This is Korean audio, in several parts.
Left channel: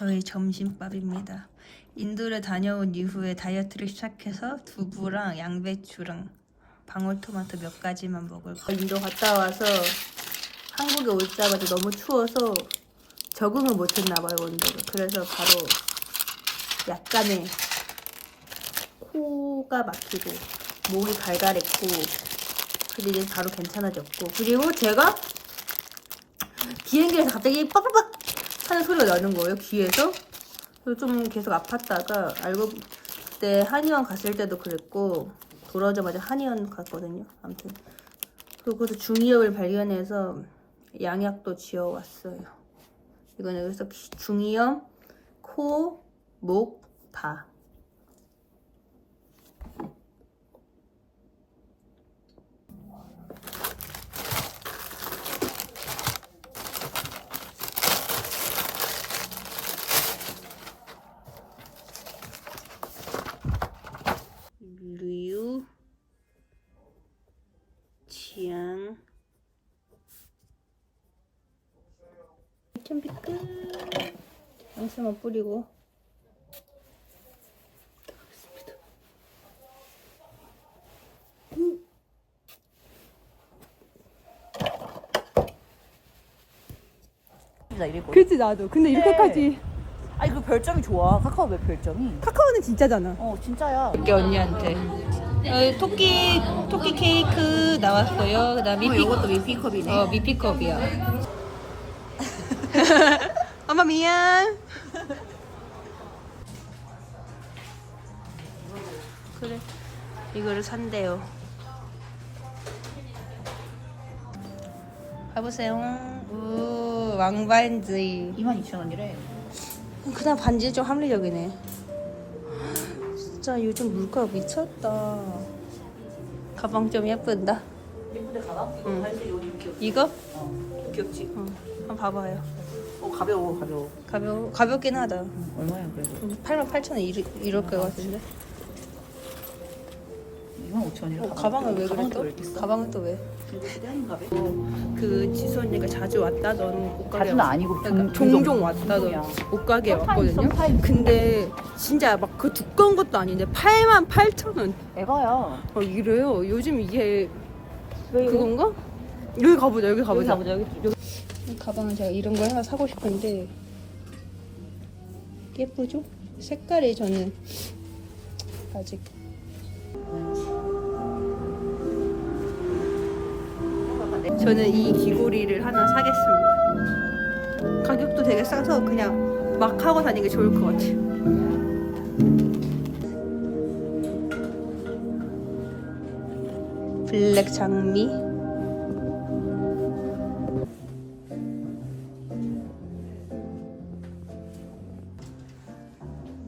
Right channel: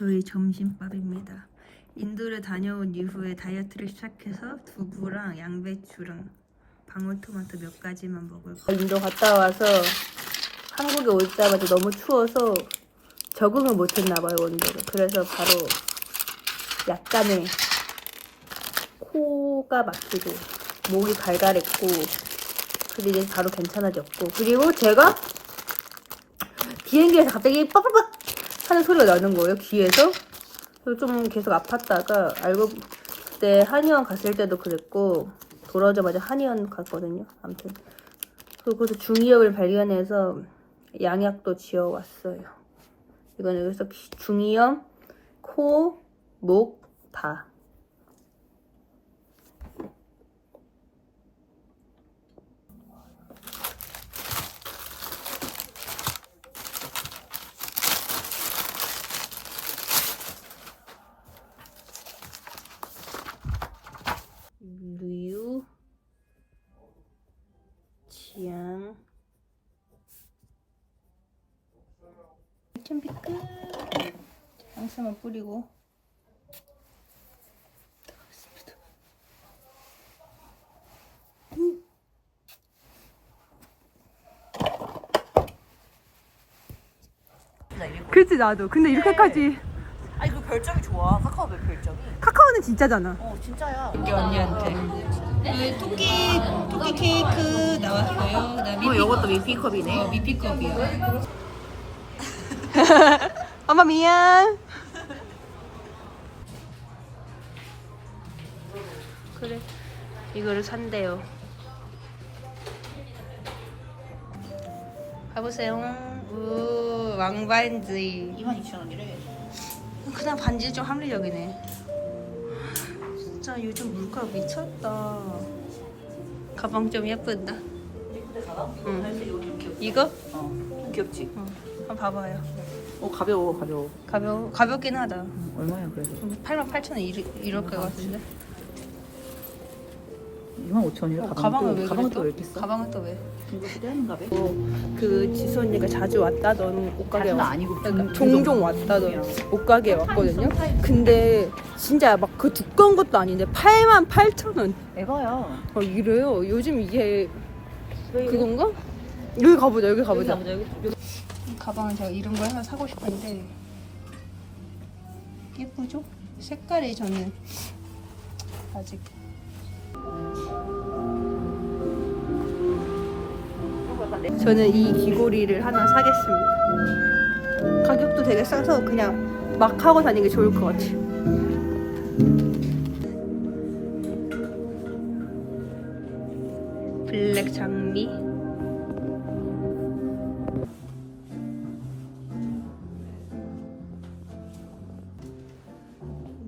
저희 점심밥입니다. 인도를 다녀온 이후에 다이어트를 시작해서 두부랑 양배추랑 방울토마토 몇 가지만 먹을 거예요. 인도 갔다 와서 한국에 오자마자 너무 추워서 적응을 못했나 봐요 온도를. 그래서 바로 약간의 코가 막히고 목이 갈갈했고 그리고 이제 바로 괜찮아졌고. 그리고 제가 비행기에서 갑자기 빡빡빡 하는 소리가 나는 거예요 귀에서. 좀 계속 아팠다가 알고 그때 한의원 갔을 때도 그랬고 돌아오자마자 한의원 갔거든요 아무튼. 그리고 서 중이염을 발견해서 양약도 지어왔어요. 그래서 기- 중이염 코, 목, 다 류지양 준비 끝 향수만 뿌리고 들어가겠습니다 나 이랬고. 그치 나도 근데 이렇게까지 아니 그 별점이 좋아. 카카오 맵 별점이. 카카오는 진짜잖아 어 진짜야. 이렇게 언니한테 어, 토끼 토끼 케이크 나왔어요 그다음 미피 이것도 미피컵이네. 어 미피컵이야 엄마 미안 그래 이거를 산대요 가보세요 우 왕반지 22,000원이래. 그냥 반지 좀 합리적이네 진짜 요즘 물가 미쳤다 가방 좀 예쁜다 예쁜데 가방? 응. 근데 이거? 어 귀엽지. 응. 한번 봐봐요 어 가벼워 가벼워. 가벼, 가볍긴 하다 얼마야 그래도? 88,000원 이럴, 이럴 것 같은데 25,000원이래. 어, 가방을 왜 가방은 또? 또왜 비싸? 가방은 또 왜? 봐. 그 지수 언니가 자주 왔다던 옷가게 왔 아니고 그러니까 종종 종종 왔다던 옷가게에 왔거든요 근데 진짜 막 그 두꺼운 것도 아닌데 8만 8천 원 에바야. 어, 이래요 요즘 이게 그건가? 여기 가보자 여기 가보자. 이 가방은 제가 이런 걸 하나 사고 싶은데 예쁘죠? 색깔이 저는 아직 저는 이 귀고리를 하나 사겠습니다. 가격도 되게 싸서 그냥 막 하고 다니기 좋을 것 같아요. 블랙 장미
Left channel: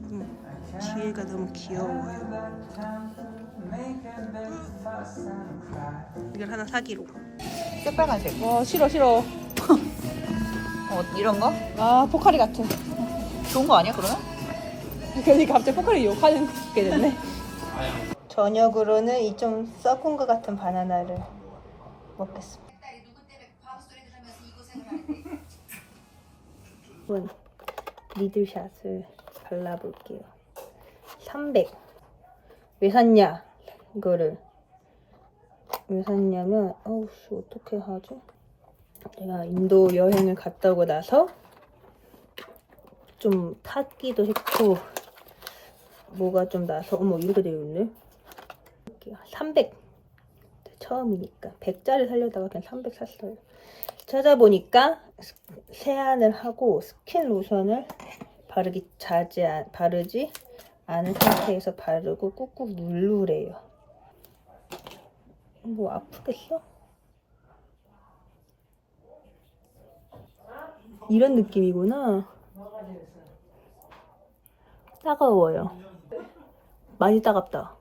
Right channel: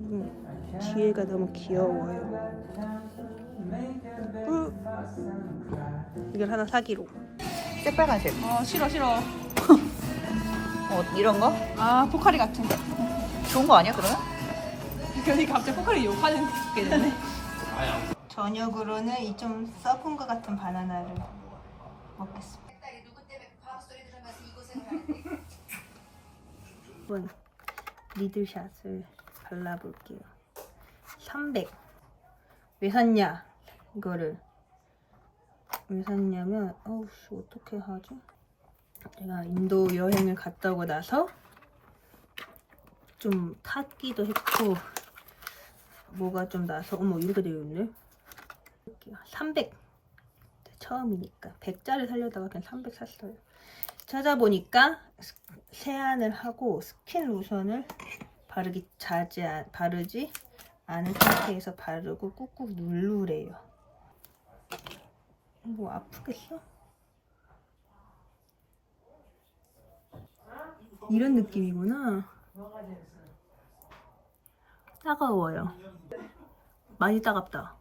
음, 뒤에가 너무 귀여워요. 이걸 하나 사기로. 새빨간색. 아 싫어 싫어. 어 이런 거? 아 포카리 같은. 좋은 거 아니야 그러면? 그러니까 갑자기 포카리 욕하는 게 됐네. 저녁으로는 이 좀 썩은 것 같은 바나나를 먹겠습니다. 이번 리들샷을 발라볼게요. 300. 왜 샀냐? 이거를 왜 샀냐면 어우 씨 어떻게 하죠? 제가 인도 여행을 갔다 오고 나서 좀 탔기도 했고 뭐가 좀 나서 어머 이렇게 되어 있네. 300 처음이니까. 100짜리 살려다가 그냥 300 샀어요. 찾아보니까 스- 세안을 하고 스킨 로션을 바르기 아- 바르지 않은 상태에서 바르고 꾹꾹 누르래요 뭐 아프겠어? 이런 느낌이구나 따가워요. 많이 따갑다.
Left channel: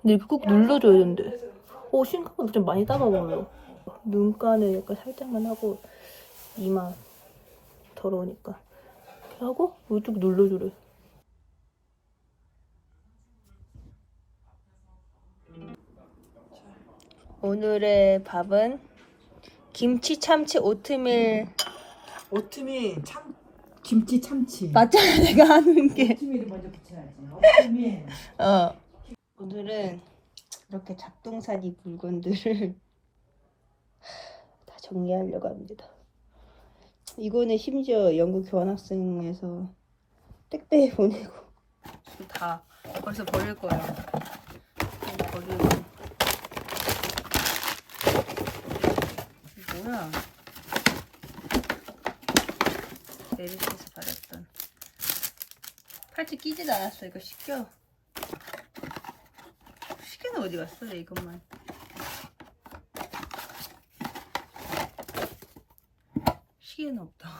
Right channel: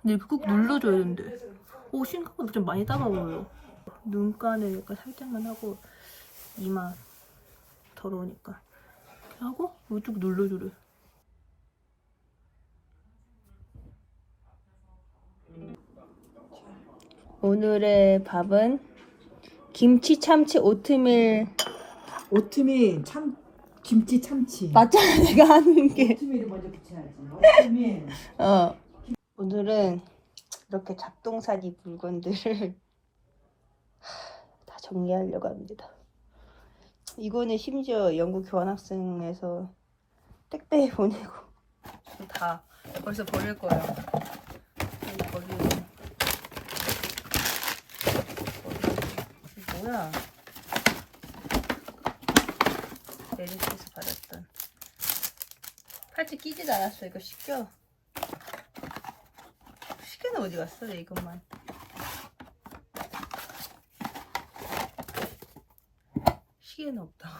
근데 이렇게 꾹 눌러줘야 되는데. 오, 생각보다 좀 많이 따가워요. 눈가는 약간 살짝만 하고 이마 더러우니까 이렇게 하고 이쪽 눌러주래 오늘의 밥은 김치 참치 오트밀 오트밀 참 김치 참치. 맞잖아 내가 하는 게 오트밀을 먼저 붙여야지. 오트밀. 어. 오늘은 이렇게 잡동사니 물건들을 다 정리하려고 합니다. 이거는 심지어 영국 교환학생에서 택배에 보내고 다 벌써 버릴 거예요. 버리고 뭐야? 메르시에서 받았던 팔찌 끼지도 않았어. 이거 시켜. 시계는 어디 갔어? 내 이것만. 시계는 없다.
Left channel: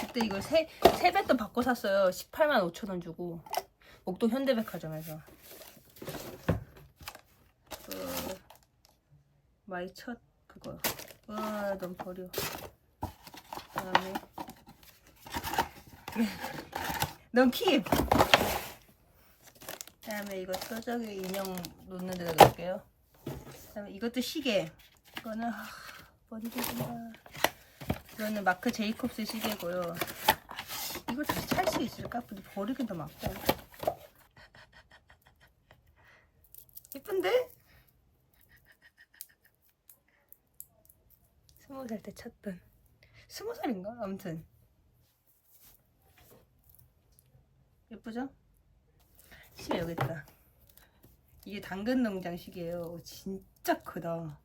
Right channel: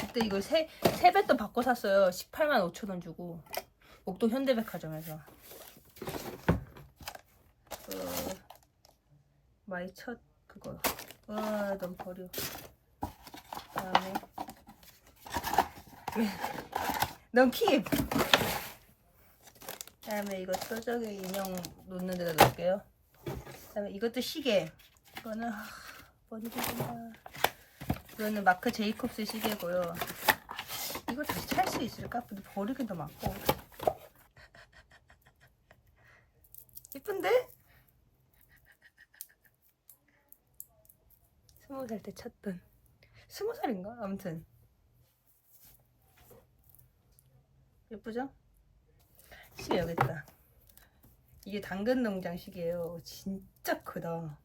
그때 이거 세, 세 배도 바꿔 샀어요. 18만 5천 원 주고. 목동 현대백화점에서. 그, 마이 첫 그거. 와, 넌 버려. 그다음에 넌 킵. 그다음에 이거 서적에 인형 놓는 데다 놓을게요. 그다음에 이것도 시계. 이거는 하, 버리고 싶다. 이거는 마크 제이콥스 시계고요. 이걸 다시 찰 수 있을까? 근데 버리긴 더 맞고. 예쁜데? 스무 살때 쳤던. 스무 살인가? 아무튼. 예쁘죠? 시계 여기 있다. 이게 당근 농장 시계예요. 진짜 크다.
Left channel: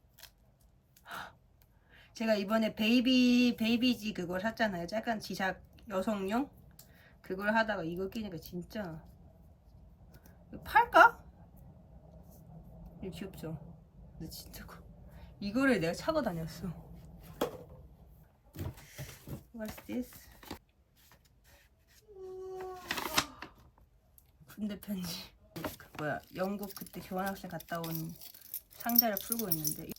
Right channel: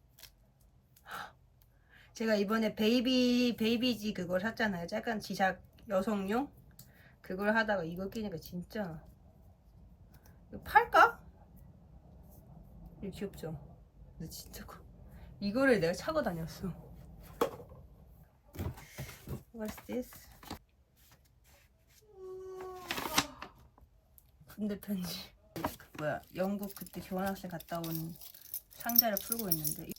제가 이번에 베이비 베이비지 그걸 샀잖아요. 약간 지작 여성용 그걸 하다가 이거 끼니까 진짜 이거 팔까? 이거 귀엽죠? 근데 진짜 커. 이거를 내가 차고 다녔어. What's this? 군대 편지. 그 뭐야 영국 그때 교환학생 갔다 온 상자를 풀고 있는데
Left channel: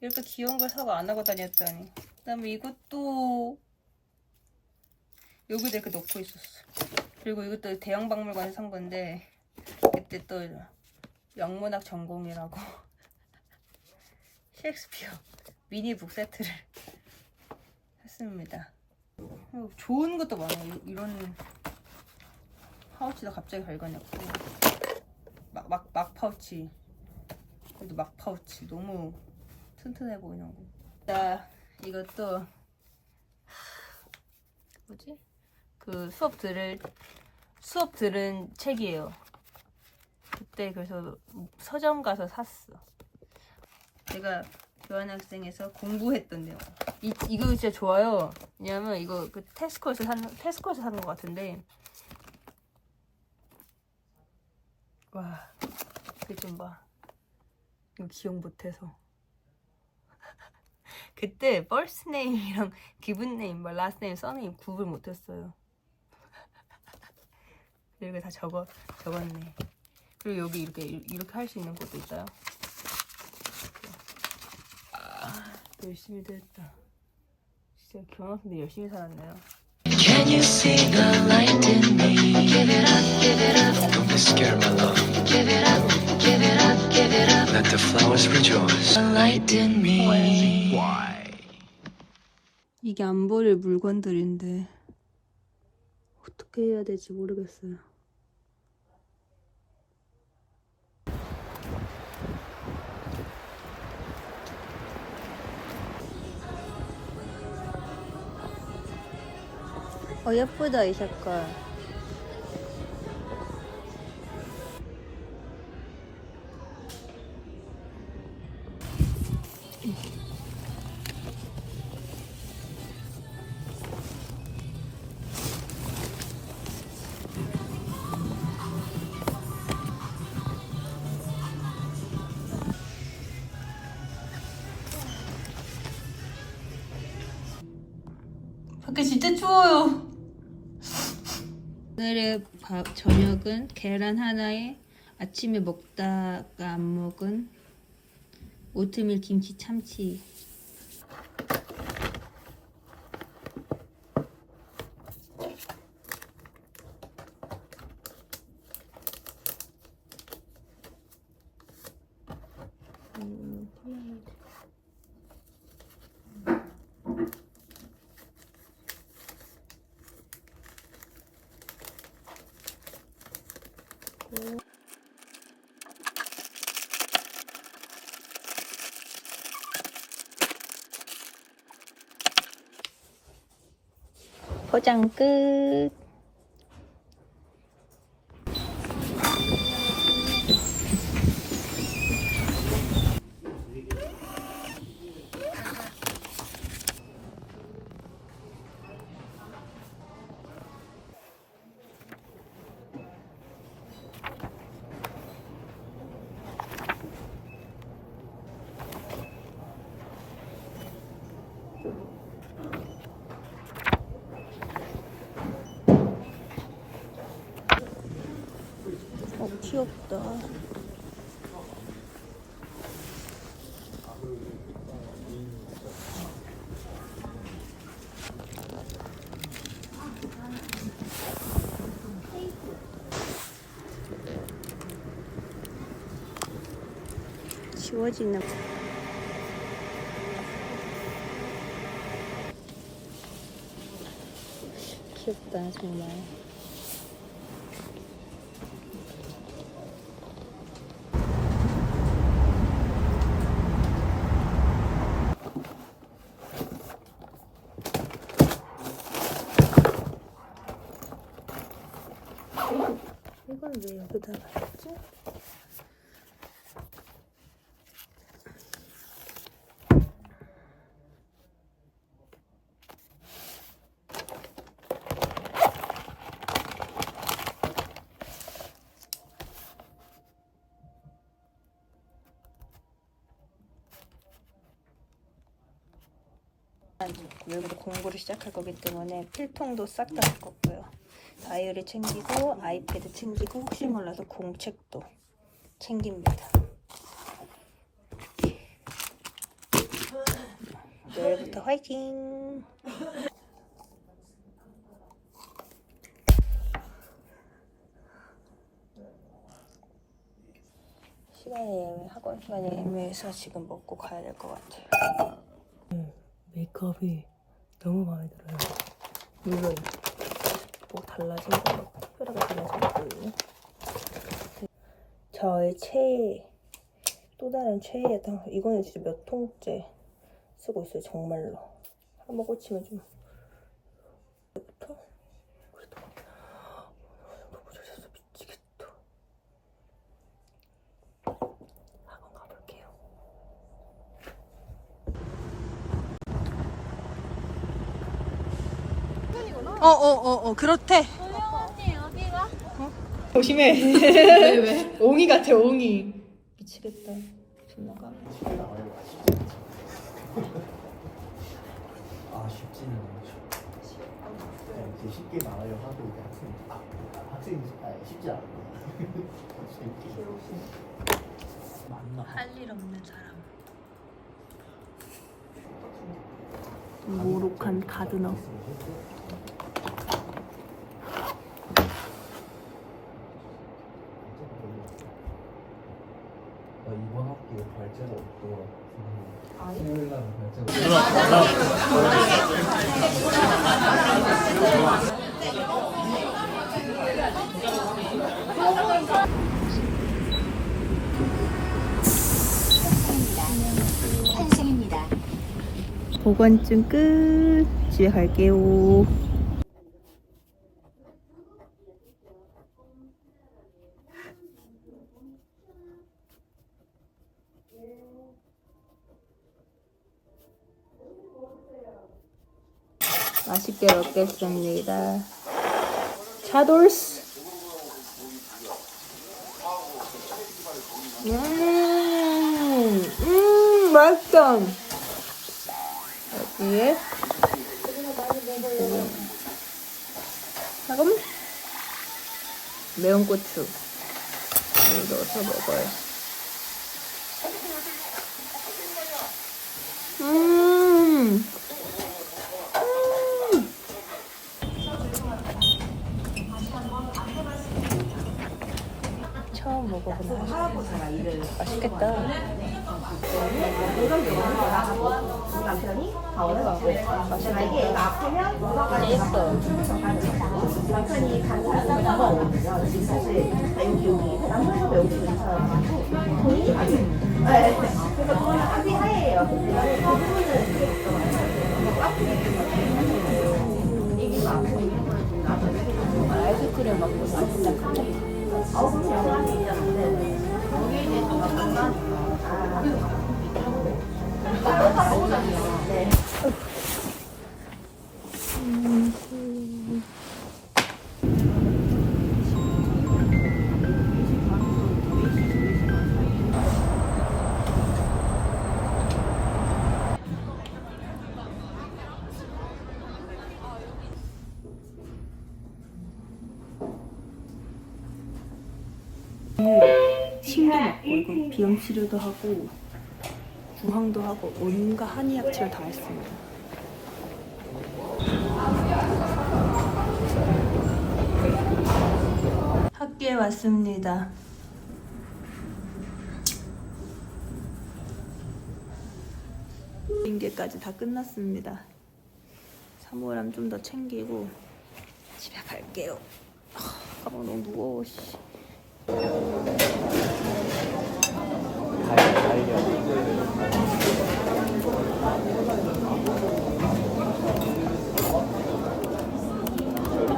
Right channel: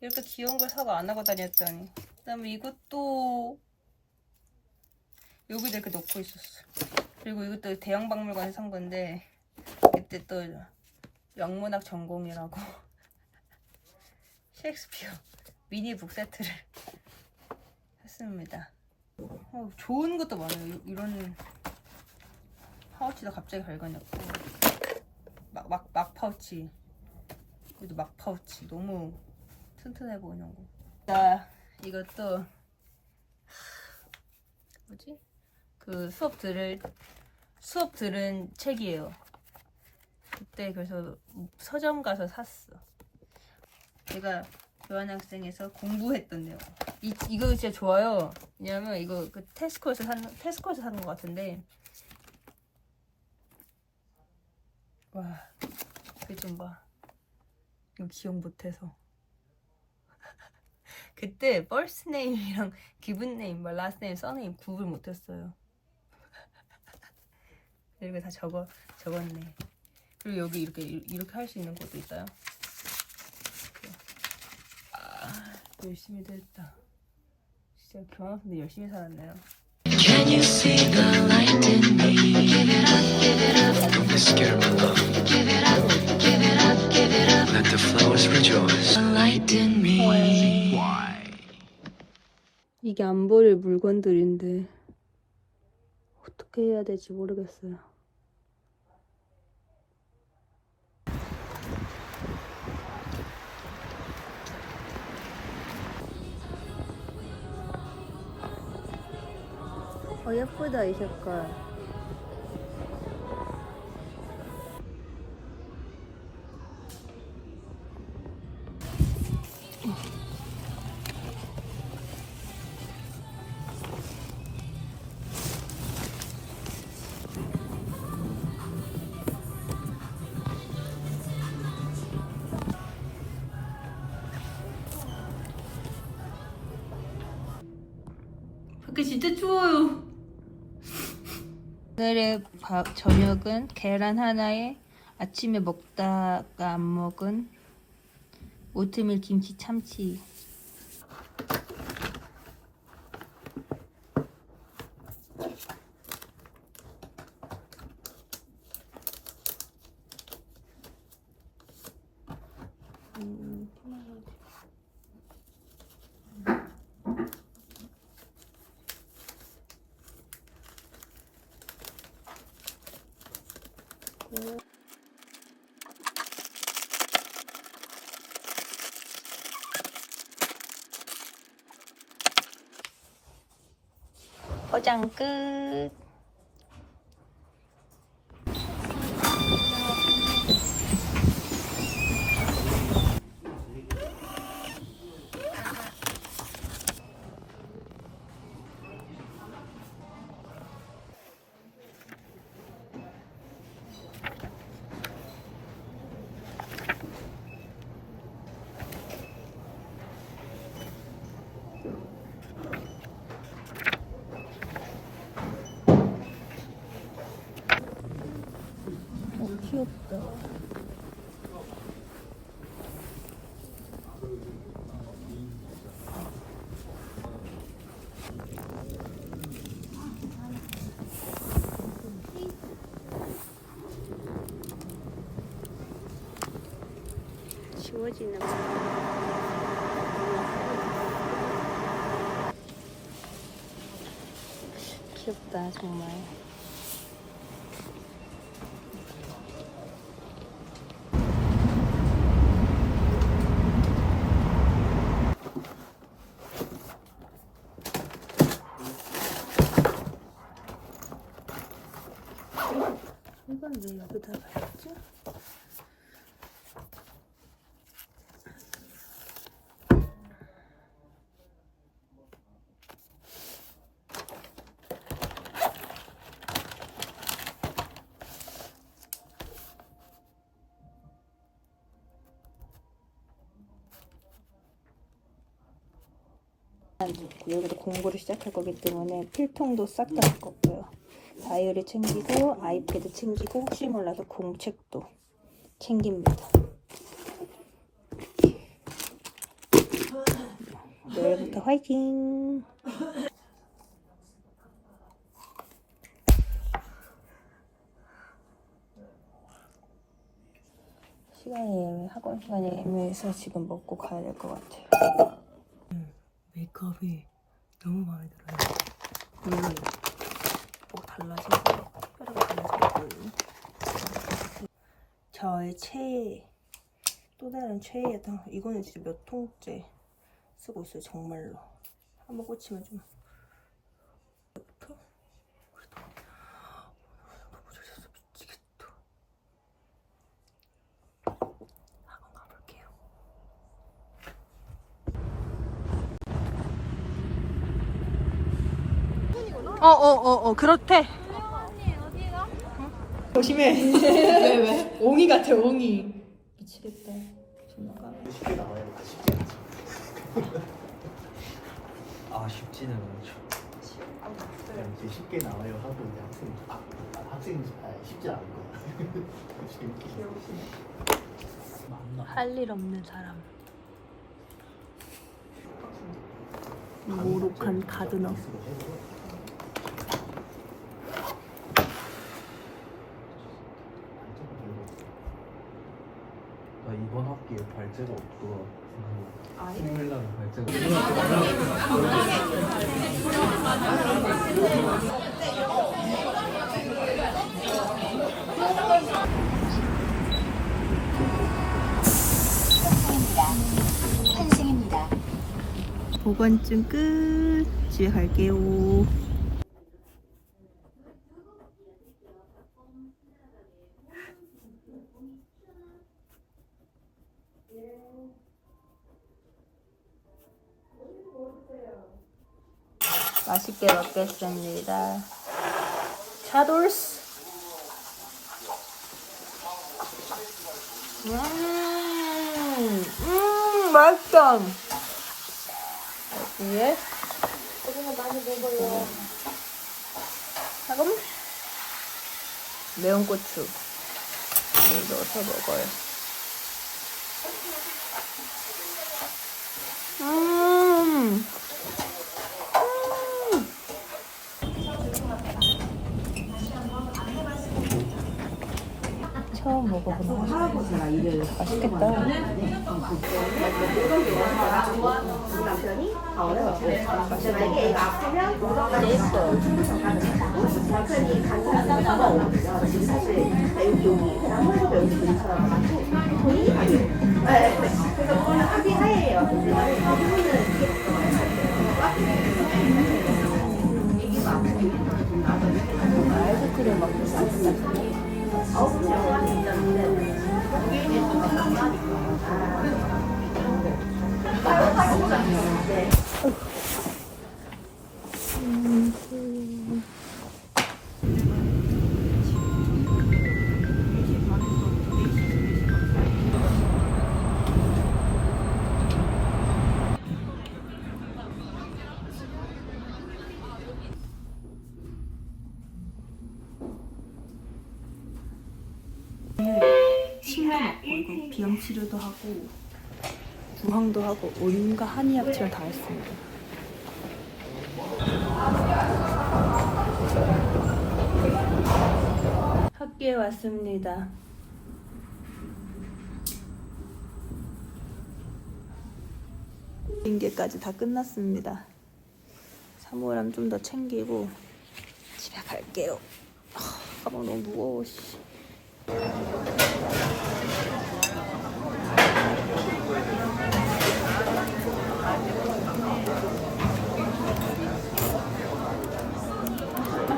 이렇게 귀여운 걸 사고 안 하고 다녔더니 그다음에 이것도 여기다 이렇게 놓고 있었어. 그리고 이것도 대형 박물관에서 산 건데 그때 또 영문학 전공이라고 셰익스피어 미니북 세트를 샀습니다. 어, 좋은 것도 많아요. 이- 이런 파우치도 갑자기 발견했고 막, 막, 막 파우치 여기도 막 파우치 너무 튼튼해 보이는 거. 자 이것도 뭐지? 그 수업 들을 수업 들은 책이에요. 그때 그래서 서점 가서 샀어. 제가 교환학생에서 공부했던 내용. 이 이거 진짜 좋아요. 왜냐면 이거 그 테스코에서 산 테스코에서 산것 같은데. 와, 이거 좀 봐. 이거 기억 못해서. 그때 first name이랑 given name, 뭐 last name, surname 구분 못했어요. 이렇게 다 적어 적었네. 그리고 여기 이렇게 이렇게 할 수 있는 것도 있어요. 이렇게. 아, 열심히도 했다. 진짜 교환학생들 열심히 살았네요. Can you see the light in me? Give it up, give it up. Don't be scared, my love. Give it up, give it up, give it up. Let the flowers rejoice. The light in me. Why? 이게 안 버릴 물건들인데 어떻게 해야 될지 모르겠어요. 어 예쁘다 이 색깔. 밖에 밥, 저녁은 계란 하나에 아침에 먹다가 안 먹은 오트밀 김치 참치. 포장 끝. 어, 귀엽다. 지워지는 귀엽다 정말 이걸 왜 여기다 놨지? 여기서 공부를 시작할 거기 때문에 필통도 싹 다 할 거고요. 다이어리 챙기고 아이패드 챙기고 혹시 몰라서 공책도 챙깁니다. 내일부터 화이팅! 시간이 학원 시간이 애매해서 지금 먹고 가야 될 것 같아요. 메이크업이 너무 마음에 들어요. 물론 뭐 달라진 거 특별하게 달라진 거. 저의 최애 또 다른 최애였던 이거는 진짜 몇 통째 쓰고 있어요 정말로 한번 꽂히면 좀 부터 그래도 너무 잘했어 미치겠다 학원 가볼게요. 어, 어, 어, 어, 그렇대. 조심해. 왜, 왜? 옹이 같아, 옹이. 미치겠다. 존나가. 아 쉽지는 않죠. 그냥 이제 쉽게 나와요 하도 이제 학생 아, 학생 아, 쉽지 않고 맞나? 할 일 없는 사람. 모록한 가드너. 나 이번 학기에 발제가 없고 수요일 날은 발제가 보관증 끝. 집에 갈게요. 맛있게 먹겠습니다. 차돌스. 음, 음, 맛있다. 여기에 소금, 매운 고추 을 넣어서 먹어요. 음, 음. 할아버지랑 일을 하시고 맛있겠다. 진짜 예뻐. 아이스크림 먹으면 맛있다. 비염 치료도 하고 부항도 하고 온갖 한의약치를 다 했습니다. 학교에 왔습니다. 인계까지 다 끝났습니다. 사물함 좀 더 챙기고 집에 갈게요. 아, 가방 너무 무거워.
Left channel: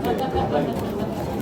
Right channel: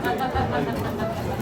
Спасибо.